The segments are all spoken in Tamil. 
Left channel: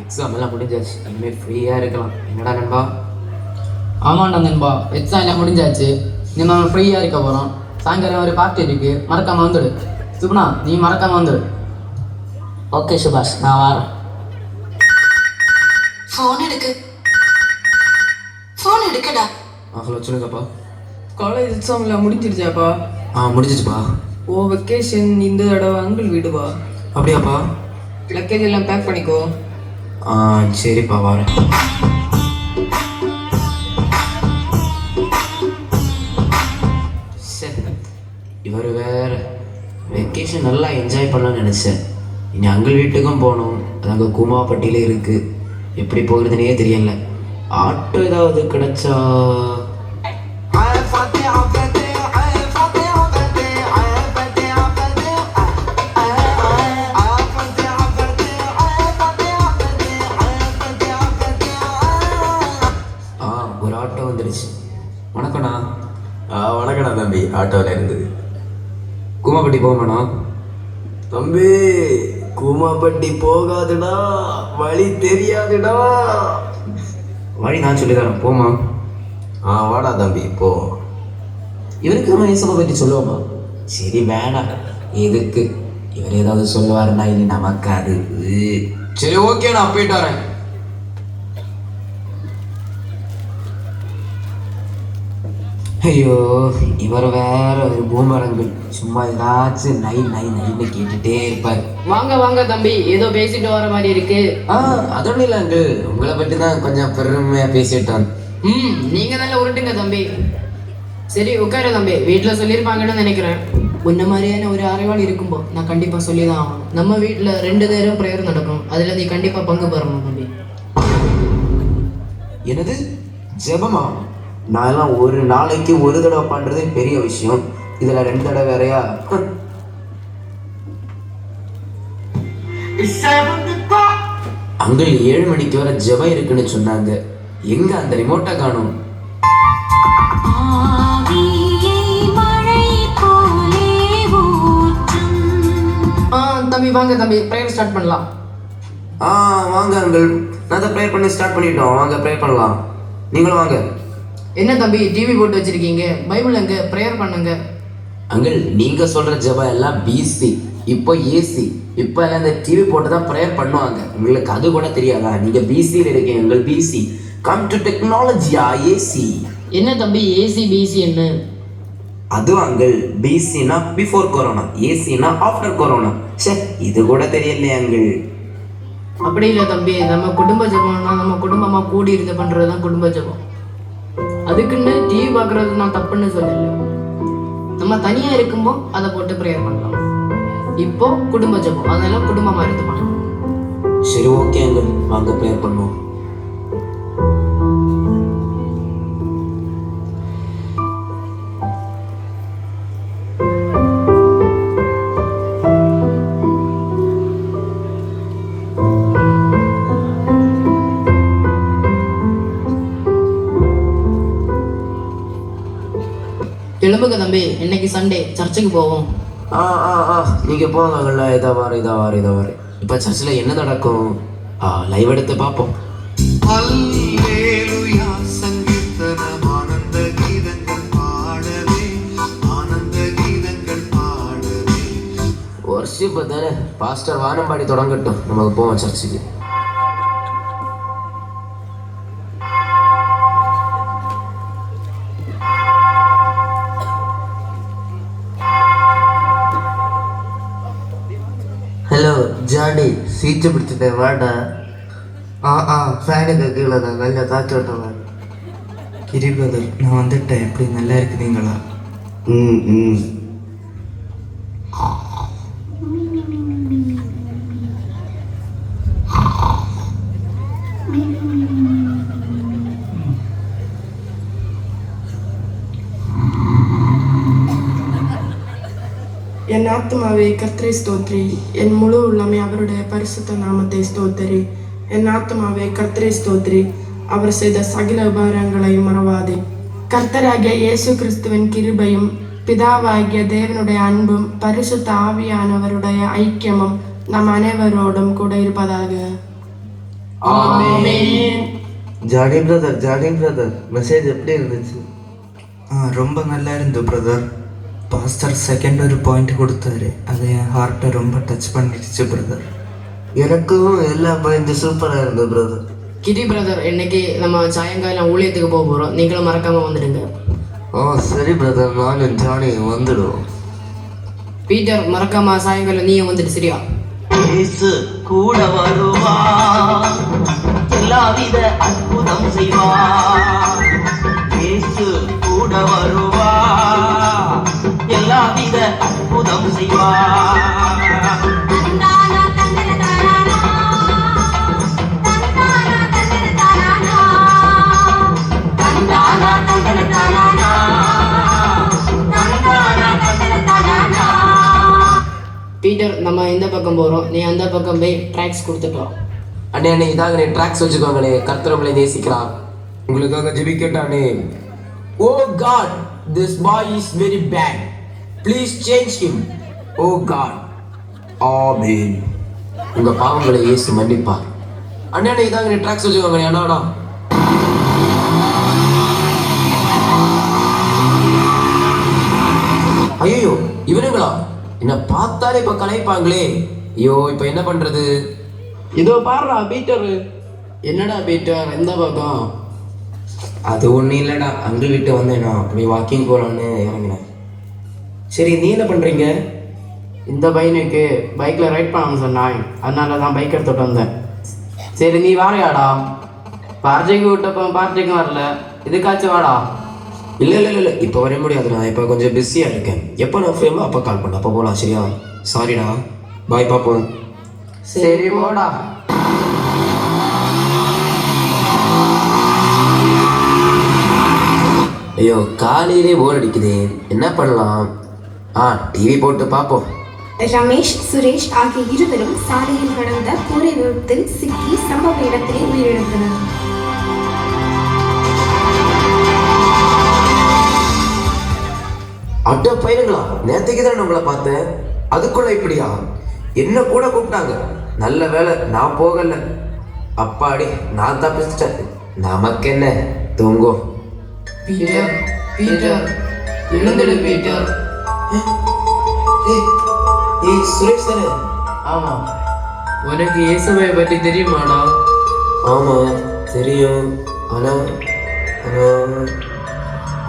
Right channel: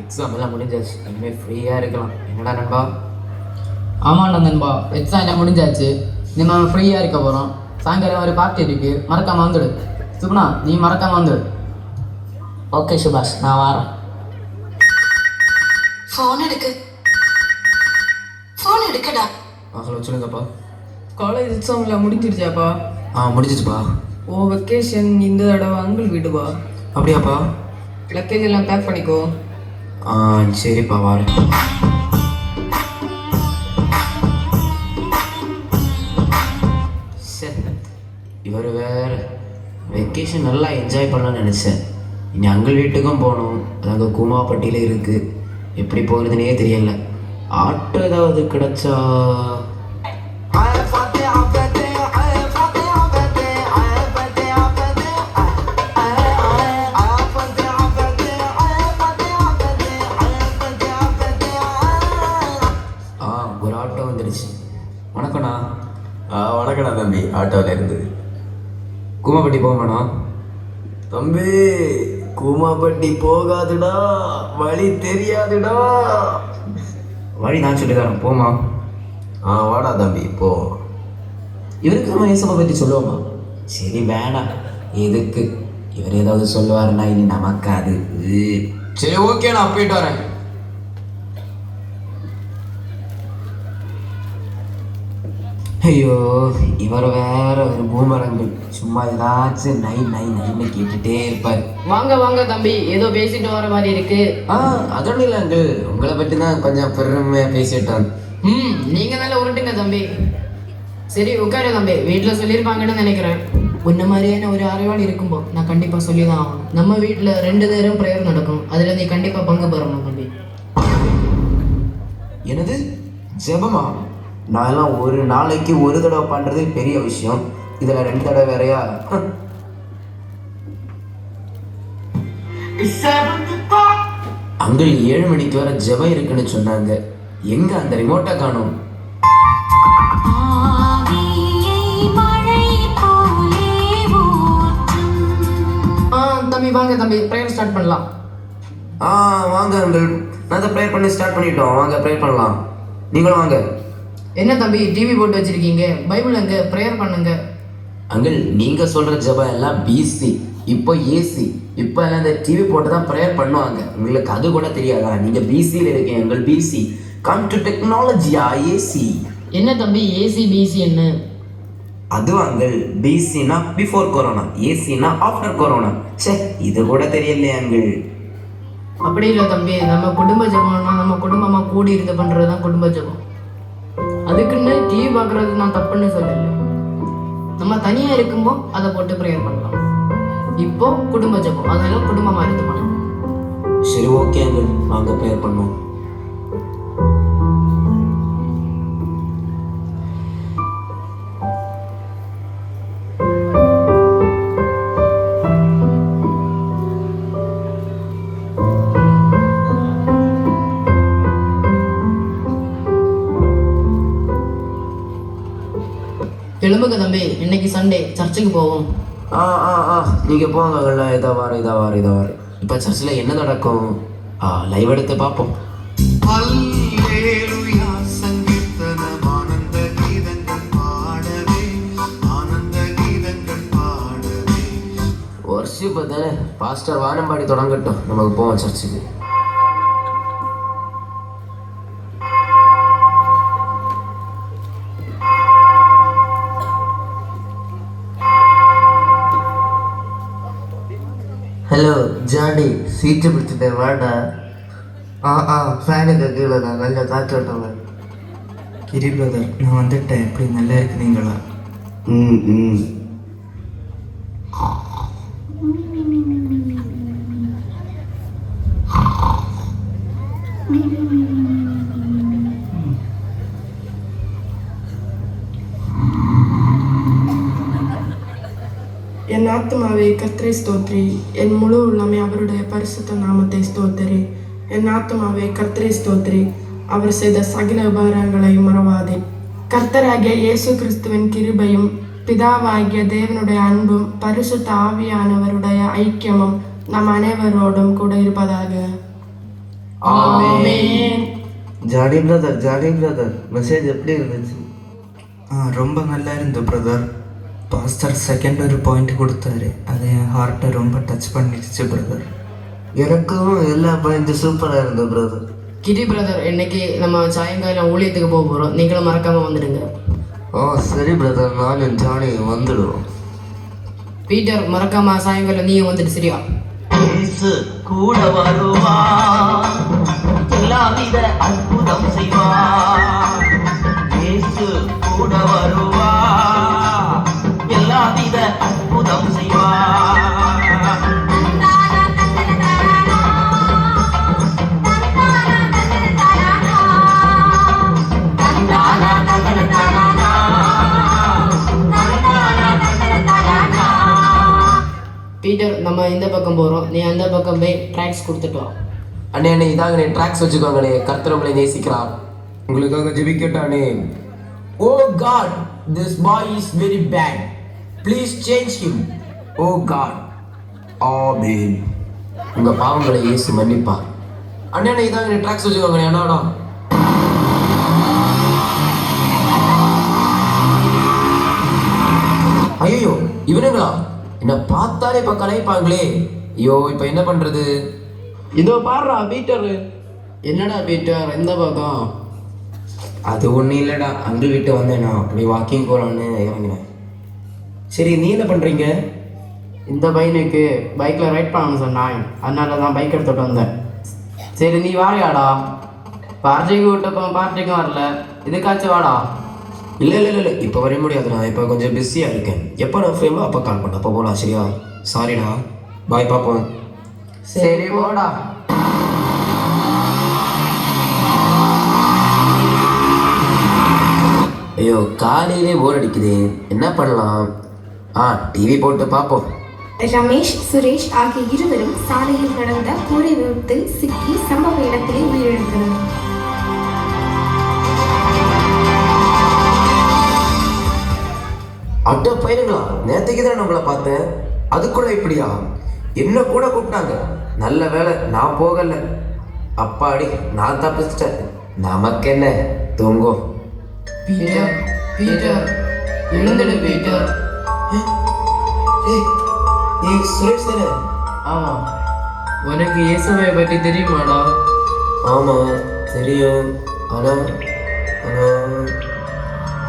எக்ஸாம் எல்லாம் முடிஞ்சாச்சு, இனிமேல் ஃப்ரீயாக இருக்கலாம். என்னடா நண்பா? ஆமாண்டா நண்பா, எக்ஸாம் எல்லாம் முடிஞ்சாச்சு, நம்ம ஃப்ரீயாக இருக்க போகிறோம். சாயங்காலம் ஒரு பார்ட்டி இருக்கு, மறக்காம வந்துடு. சுப்னா, நீ மறக்காம வந்துடு. ஓகே சுபாஷ், நான் வரேன். ஃபோன் எடுக்கடா. ஹலோ, சொல்லுங்கப்பா. காலேஜ் எக்ஸாம்லாம் முடிஞ்சிருச்சாப்பா? முடிஞ்சிச்சுப்பா. ஓ வெக்கேஷன் இந்த தடவை அங்கிள் வீடுப்பா. அப்படியாப்பா? லக்கேஜ் எல்லாம் பேக் பண்ணிக்கோ. சரிப்பா, வரேன். இவர் வேற வெக்கேஷன் நல்லா என்ஜாய் பண்ணலாம்னு நினச்சேன். இனி அங்கிள் வீட்டுக்கும் போகணும். அது அங்கே கூமாப்பட்டியில் இருக்குது. எப்படி போகிறதுனே தெரியல. ஆட்டோ ஏதாவது கிடைச்சா. ஒரு ஆட்டோ வந்துடுச்சு. வணக்கண்ணா. வணக்கண்ணா தம்பி, ஆட்டோவில் இருந்தது. கூமாப்பட்டி போகணும்ண்ணா. தம்பி, கூமாப்பட்டி போகாதுடா, வழி தெரியாதுடா. வழி நான் சொல்லித்தரேன், போமா. வாடா தம்பி, போ. இவருக்கு மகேசனை பற்றி சொல்லுவோமா? சரி வேணாம், எதுக்கு? இவர் ஏதாவது சொல்லுவாருன்னா இனி நமக்கு அது. சரி ஓகே, நான் போயிட்டு வரேன். ஐயோ, இவர் வேற ஒரு பூமரங்கள். சும்மா ஏதாச்சும் நை நை நைன்னு கேட்டுட்டே இருப்பார். வாங்க வாங்க தம்பி, ஏதோ பேசிட்டு வர மாதிரி இருக்கு. அதோட இல்லை அங்கிள், உங்களை பற்றி தான் கொஞ்சம் பெருமையாக பேசிட்டான். நீங்க நல்லா உருட்டுங்க தம்பி. சரி உட்காரு தம்பி, வீட்டில் சொல்லியிருப்பாங்கன்னு நினைக்கிறேன். உன்ன மாதிரியான ஒரு அறிவாளி இருக்கும்போ நான் கண்டிப்பாக சொல்லி தான் ஆகும். நம்ம வீட்டில் 2 நேரம் ப்ரேயர் நடக்கும், அதில் நீ கண்டிப்பாக பங்கு பெறணும் தம்பி. எனது ஜெபமா? நான் எல்லாம் ஒரு நாளைக்கு ஒரு தடவை பண்ணுறதே பெரிய விஷயம், இதில் 2 தடவை வேறையா? அங்கிள் 7 மணிக்கு வர ஜெபம் இருக்குன்னு சொன்னாங்க. எங்க அந்த ரிமோட்டை காணும்? தம்பி வாங்க தம்பி, ப்ரேயர் ஸ்டார்ட் பண்ணலாம். வாங்க அங்கிள், நான் தான் ப்ரேயர் பண்ணி ஸ்டார்ட் பண்ணிட்டோம். வாங்க ப்ரேயர் பண்ணலாம், நீங்களும் வாங்க. என்ன தம்பி டிவி போட்டு வச்சிருக்கீங்க? பைபிள் எங்க? ப்ரேயர் பண்ணுங்க. அங்கிள், நீங்க சொல்ற ஜெபம் எல்லாம் பிசி, இப்போ ஏசி. இப்போ எல்லாம் இந்த டிவி போட்டு தான் ப்ரேயர் பண்ணுவாங்க. உங்களுக்கு அது கூட தெரியாதா? நீங்க பிசியில் இருக்கீங்க. அங்கிள் பிசி, கம் டு டெக்னாலஜியா ஏசி. என்ன தம்பி ஏசி பிசி என்ன? அது அங்கிள், பிசினா பிஃபோர் கொரோனா, ஏசினா ஆஃப்டர் கொரோனா. சே, இது கூட தெரியலையே அங்கிள். அப்படி இல்லை தம்பி, நம்ம குடும்ப ஜபம்னா நம்ம குடும்பமா கூடி இருந்து பண்றது தான் குடும்ப ஜபம். அதுக்குன்னு டிவி பார்க்கறது நான் தப்புன்னு சொல்லல. நம்ம தனியா இருக்கும்போ அதை போட்டு ப்ரேயர் பண்ணலாம். இப்போ குடும்ப ஜபம், அதனால குடும்பமா இருந்து பண்ணலாம். சரி ஓகே அங்கிள், வாங்க ப்ரேயர் பண்ணுவோம். எழுப்புங்க தம்பி, இன்னைக்கு சண்டே, சர்ச்சுக்கு போவோம். நீங்க போங்க. இதா வாரு. இப்ப சர்ச்சில் என்ன நடக்கும்? லைவ் எடுத்து பார்ப்போம். வர்ஷிப் தானே, பாஸ்டர் வானம்பாடி தொடங்கட்டும், நமக்கு போவோம் சர்ச்சுக்கு. ஹலோ ஜானி, சீட்டு பிடிச்சிட்டேன் வாடா. ஃபேனுக்கு கீழே தான் நல்ல காற்றோட்டம். கிரி பிரதர், நான் வந்துட்டேன். எப்படி நல்லா இருக்குதுங்களா? ம் ம் என் ஆத்மாவே கர்த்தரை ஸ்தோத்ரி, என் முழு உள்ளமே அவருடைய பரிசுத்த நாமத்தை ஸ்தோத்திரி. என் ஆத்மாவே கர்த்தரை ஸ்தோத்ரி, அவர் செய்த சகல உபகாரங்களை மறவாதே. கர்த்தராகிய இயேசு கிறிஸ்துவின் கிருபையும் பிதாவாகிய தேவனுடைய அன்பும் பரிசுத்த ஆவியானவருடைய ஐக்கியமும் நம் அனைவரோடும் கூட இருப்பதாக. ஜாடி பிரதர் மெசேஜ் எப்படி இருந்துச்சு? ரொம்ப நல்லா இருந்து பிரதர். பாஸ்டர் செகண்ட் ஒரு பாயிண்ட் கொடுத்தாரு, அது என் ஹார்ட்டை ரொம்ப டச் பண்ணிடுச்சு பிரதர். எனக்கும் எல்லா பாயிண்ட்டும் சூப்பராக இருந்தது பிரதர். கிரி பிரதர், இன்னைக்கு நம்ம சாயங்காலம் ஊழியத்துக்கு போக போகிறோம். நீங்களும் மறக்காம வந்துடுங்க. சரி பிரதர், நானும் ஜானி வந்துடுவோம். பீட்டர், மறக்காம சாயங்காலம் நீயும் வந்துடு, சரியா? இயேசு கூட வருவா, எல்லாவித அற்புதம் செய்வா. இயேசு கூட வருவா, எல்லாவித அற்புதம் செய்வா. பீட்டர், நம்ம இந்த பக்கம் போகிறோம், நீ அந்த பக்கம் போய் ட்ராக்ஸ் கொடுத்துட்டோம். அண்ணே அண்ணே இதாங்கண்ணே ட்ராக்ஸ் வச்சுக்கோங்கண்ணே. கர்த்தர் உங்களை நேசிக்கிறார். உங்களுக்காக ஜெபிக்கட்டானே. Oh god, this boy is very bad, please change him. Oh god, amen. உங்க பாவங்களை இயேசு மன்னிப்பார். அண்ணே அண்ணே இதாங்கண்ணே ட்ராக்ஸ் வச்சுக்கோங்கண்ணே. அண்ணாடா ஐயோ, இவனுங்களா? என்ன பார்த்தாலே இப்ப கலைப்பாங்களே. ஐயோ, இப்ப என்ன பண்றது? இதோ பாடுறா பீட்டர். என்னடா பீட்டர், எந்த பக்கம்? அது ஒன்றும் இல்லைடா, அங்கிள் வீட்டை வந்தேனா அப்படி வாக்கிங் போகலான்னு இறங்கினேன். சரி, நீ என்ன பண்ணுறீங்க? இந்த பையனுக்கு பைக்கில் ரைட் பண்ணணும்னு சொன்னான், அதனால தான் பைக் எடுத்துகிட்டு வந்தேன். சரி, நீ வாழையாடா. பார்ட்டிக்கு விட்டப்போ பார்ட்டிக்கும் வரல, இதுக்காச்சும் வாடா. இல்லை இப்போ வர முடியாது, நான் இப்போ கொஞ்சம் பிஸியாக இருக்கேன். எப்போ நான் ஃப்ரேமோ அப்போ கால் பண்ண, அப்போ போகலாம். சரியா? சாரிடா, பாய், பார்ப்போம். சரி போடா. ஐயோ, காலையிலே போர் அடிக்குது, என்ன பண்ணலாம்? டிவி போட்டு பார்ப்போம். ரமேஷ், சுரேஷ் ஆகிய இருவரும் சாலையில் நடந்த கூரை விபத்தில் சிக்கி சம்பவ இடத்திலே உயிரிழந்தனர். அட்ட பையனுங்களா, நேற்றுக்கு தான் நம்மளை பார்த்தேன், அதுக்குள்ள இப்படியா? என்ன கூட கூப்பிட்டாங்க, நல்ல வேலை நான் போகல. அப்பாடி, நான் தப்பிச்சிட்டேன். நமக்கு என்ன, தூங்கும். பீட்டர், பீட்டர், எழுந்துடு பீட்டர். ஏய் சுரேஷ் தானே? ஆமா. உனக்கு இயேசுவை பற்றி தெரியுமாடா? ஆமா தெரியும். ஆனா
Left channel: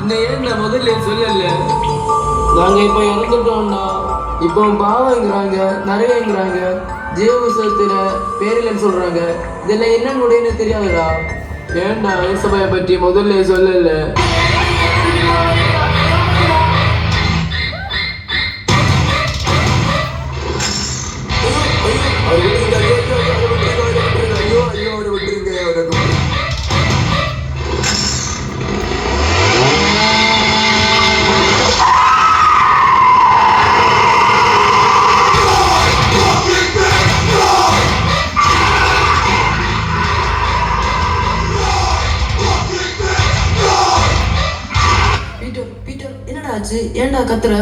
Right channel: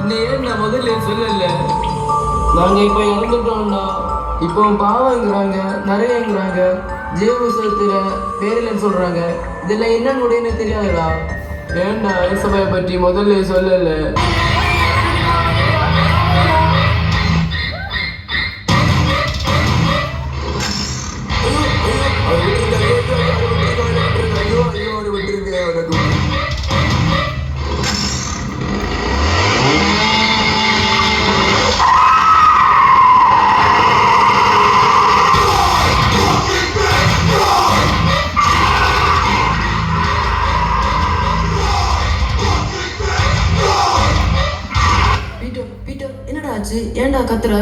இந்த ஏன் நான் முதல்ல சொல்லல? நாங்க இப்ப இறந்துட்டோம்டா. இப்போ பாவங்கிறாங்க, நிறையங்கிறாங்க, ஜீவசத்துல பேரிலன்னு சொல்றாங்க. இதெல்லாம் என்ன முடியும்னு தெரியாதுடா. ஏன்டா இயேசுவை பற்றி முதல்ல சொல்லல? ஏன்டா கத்துற?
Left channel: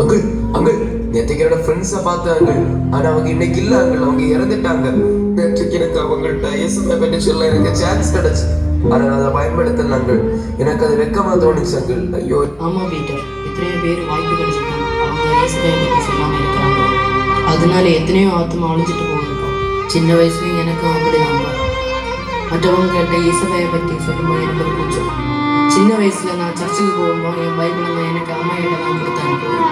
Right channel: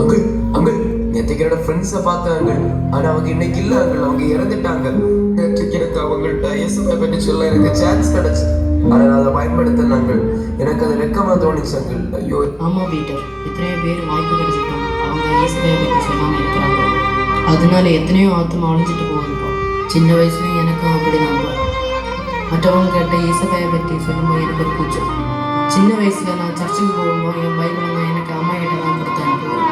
அங்கிள் அங்கிள், நேற்றுக்கு என்னோட ஃப்ரெண்ட்ஸை பார்த்தேன் அங்கிள். ஆனா அவங்க இன்னைக்கு இல்ல அங்கிள், அவங்க இறந்துட்டாங்க. நேற்றுக்கு எனக்கு அவங்கள்ட்ட இயேசுவை பற்றி சொல்ல எனக்கு சான்ஸ் கிடைச்சு, ஆனா நான் அதை பயன்படுத்தல அங்கிள். எனக்கு அது வெக்கமா தோணுச்சு அங்கிள். ஐயோ. ஆமா பீட்டர், எத்தனையோ பேர் வாய்ப்பு கிடைச்சிட்டு அவங்க இயேசுவை பற்றி சொல்லாம இருக்கிறாங்க. அதனால எத்தனையோ ஆத்மா அழிஞ்சிட்டு போகுதுப்பா. சின்ன வயசுலயும் எனக்கும் அப்படிதான்ப்பா. மற்றவங்க கேட்ட இயேசுவையை பற்றி சொல்லும்போது எனக்கு ஒரு கூச்சம். சின்ன வயசுல நான் சர்ச்சுக்கு போகும்போது என் பைபிளை எனக்கு அம்மா கிட்ட தான் கொடுத்து அனுப்புவேன்.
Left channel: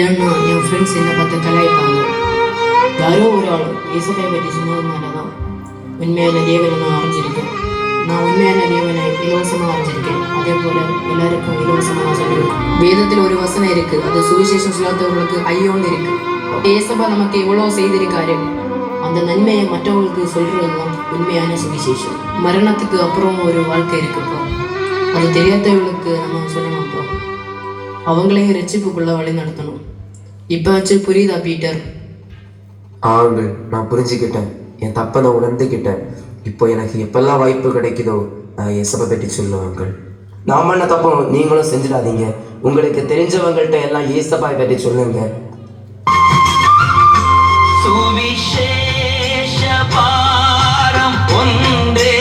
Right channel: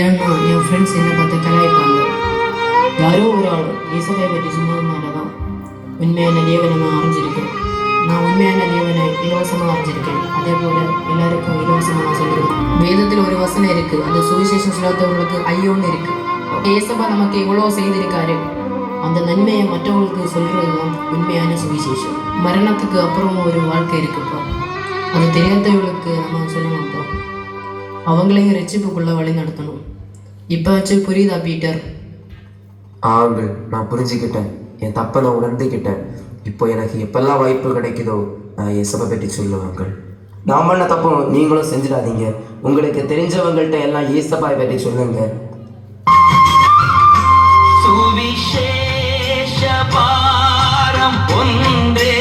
ஏன்னா என் ஃப்ரெண்ட்ஸ் என்னை பார்த்து கலாய்ப்பாங்க. யாரோ ஒரு ஆள் இயேசுவை பற்றி சொன்னதுனால தான் உண்மையான தேவனை நான் அறிஞ்சிருக்கேன். நான் உண்மையான தேவனை இலவசமாக அறிஞ்சிருக்கேன். அதே போல எல்லாருக்கும் இலவசமாக சொல்லுவேன். வேதத்தில் ஒரு வசனம் இருக்கு, அது சுவிசேஷம் சொல்லாதவங்களுக்கு ஐயோன்னு இருக்கு. ஏசப்பா நமக்கு எவ்வளோ செய்திருக்காரு, அந்த நன்மையை மற்றவங்களுக்கு சொல்றது உண்மையான சுவிசேஷம். மரணத்துக்கு அப்புறம் ஒரு வாழ்க்கை இருக்குப்பா, அது தெரியாதவர்களுக்கு நம்ம சொல்லணும்ப்பா. அவங்களையும் ரட்சிப்புக்குள்ள வழி நடத்தணும். இப்போச்சு புரியுதா பீட்டர்? ஆங்கள், நான் புரிஞ்சுக்கிட்டேன், என் தப்பை நான் உணர்ந்துக்கிட்டேன். இப்போ எனக்கு எப்பெல்லாம் வாய்ப்பு கிடைக்குதோ நான் இயேசுவை பற்றி சொல்லுவாங்கள். நான் பண்ண தப்பும் நீங்களும் செஞ்சிடாதீங்க. உங்களுக்கு தெரிஞ்சவங்கள்ட்ட எல்லாம் இயேசுவை பற்றி சொல்லுங்க. சுவிசேஷ பாரம் ஒன்றே